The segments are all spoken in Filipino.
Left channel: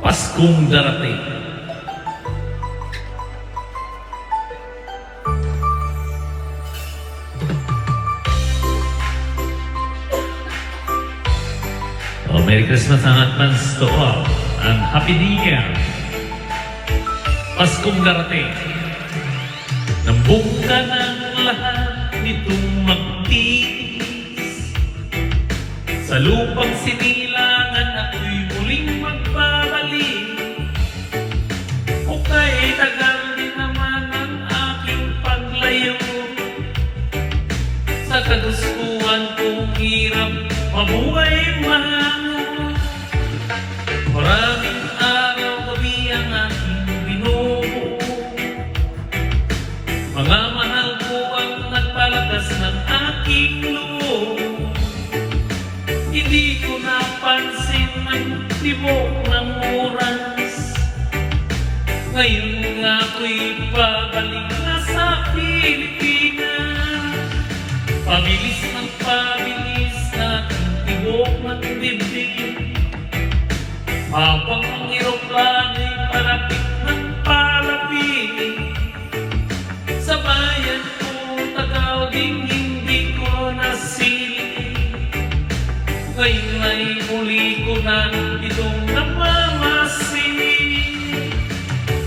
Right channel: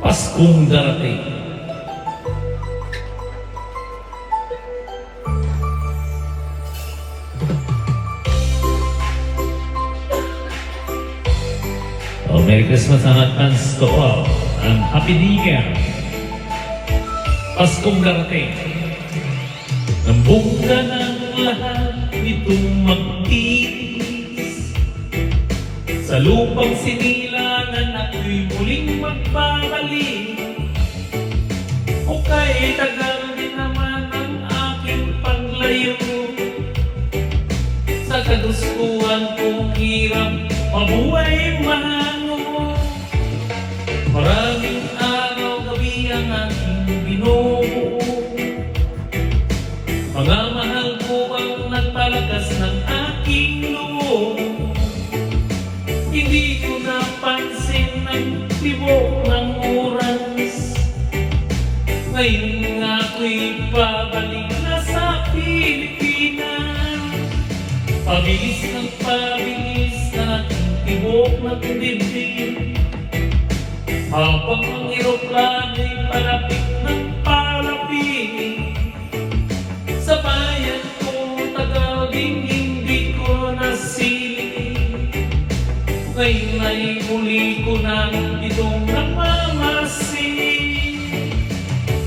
Paskong darating. Merry Christmas and advance to all, and Happy New Year. Paskong darating. Nambungga ng lahat itong magtiis. Sa lupang sinilangan ako'y muling magbabalik. O kay tagal din naman ang aking paglayo. Sa kagustuhan kong hirap, mabuhay mahalo. Maraming araw gabi ang aking binubuo. Mga mahal ko ang nagpalakas ng aking loob. Hindi ko napansin ang tibok ng oras. Ngayon nga ako'y babalik na sa Pilipinas. Pabilis ng pabilis sa aking tibok ng bibig. Habang ang eroplano'y palapit ng palapit. Sa bayan ko Tagaw din hindi ko nasilip. Ngayon ay muli ko na itong namamasin.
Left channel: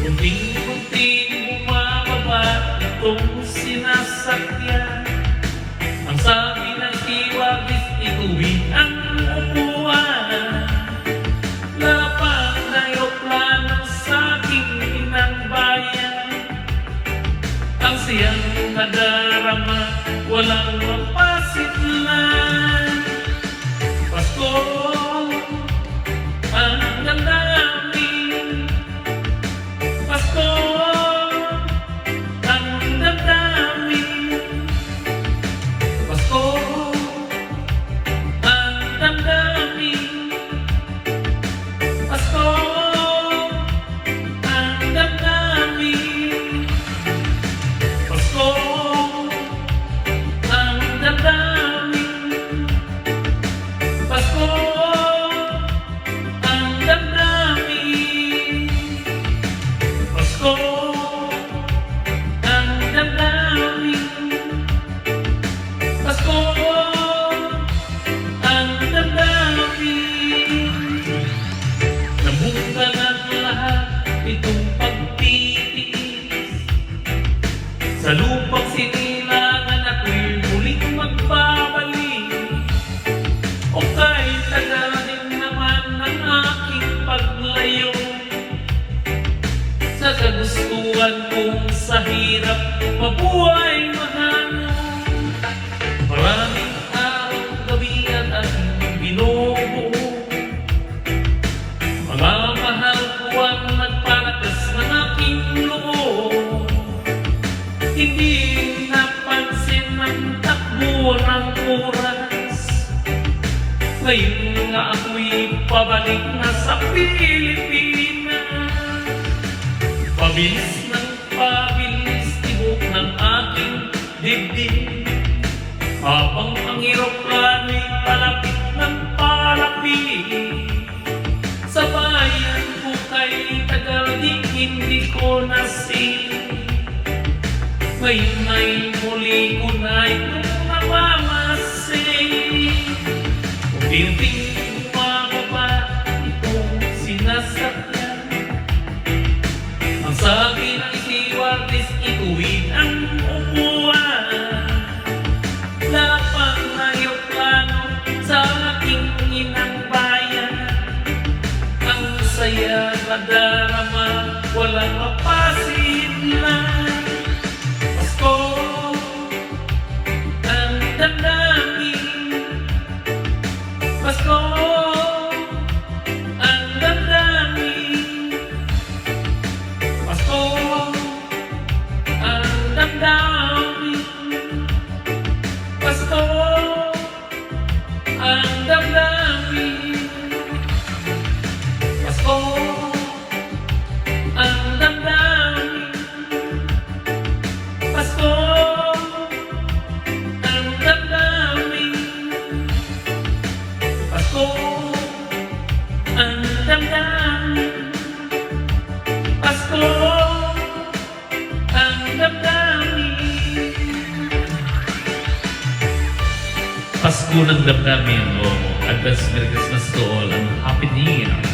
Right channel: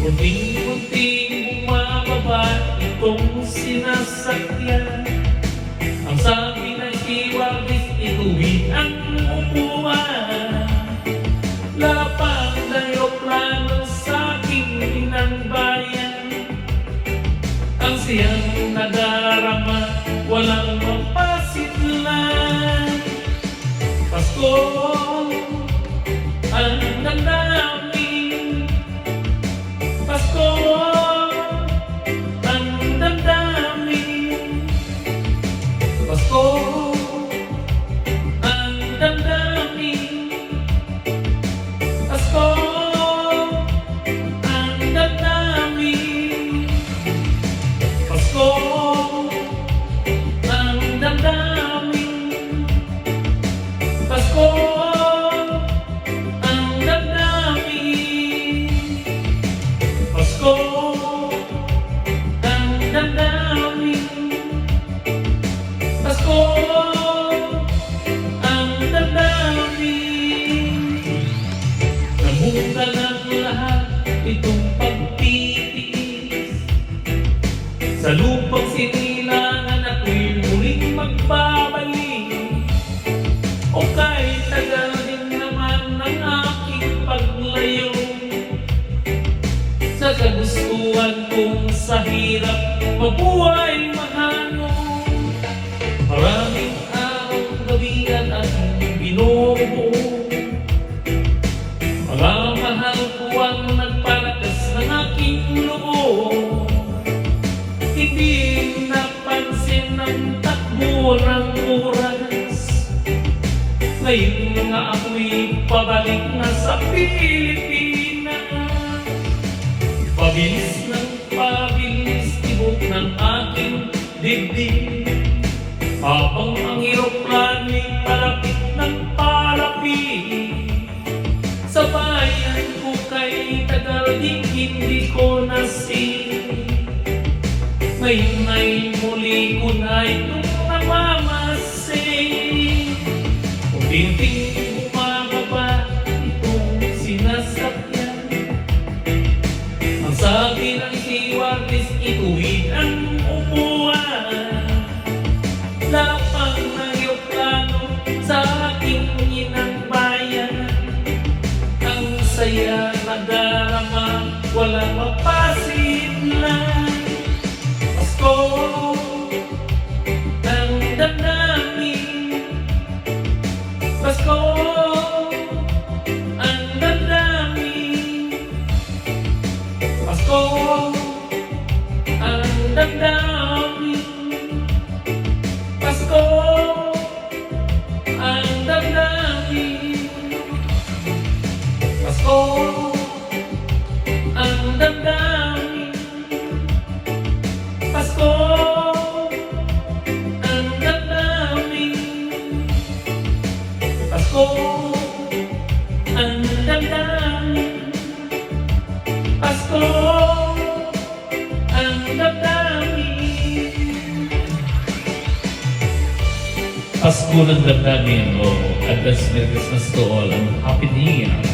Kunting-kunting bumababa itong sinasakyan. Ang sabi ng iwagis, ituwid ang upuan. Lapang na eroplano sa aking inang bayan. Ang siyang nadarama, walang mapasidlan. Pasko, ang damdamin. Pasko, ang damdamin. Pasko, ang damdamin. Pasko, ang damdamin. Pasko, ang damdamin. Pasko, ang damdamin. Pasko, ang damdamin. Pasko, ang damdamin. Namunta ng lahat itong pagtitiis. Sa lupang sinilangan ako'y muling magbabalik. O kay tagal din naman ang aking paglayo. Sa kagustuhan kong sa hirap, mabuhay mahalo. Maraming araw gabi ang aking binubuo. Mga mahal ko ang nagpalakas ng aking loob. Hindi napansin ang takbo ng oras. Ngayon nga ako'y pabalik na sa Pilipinas. Pabilis ng pabilis, tibok ng aking dibdib. Habang ang eroplano'y palapit ng palapit. Sa bayan ko kay tagal din hindi ko nasilip. Ngayon ay muli ko na itong namamasin. Unti-unti bumababa itong sinasakyan. Ang sabi ng iwagis, ituwid ang upuan. Lapang na eroplano sa aking inang bayan. Ang saya na darama, walang mapasidlan. Pasko, ang damdamin. Pasko, ang damdamin. Pasko, ang damdamin. Pasko, ang damdamin. Pasko, ang damdamin. Pasko, ang damdamin. Pasko, ang damdamin. Pasko ang damdamin. Pasko ng damdamin mo. Advance Merry Christmas to all and Happy New Year.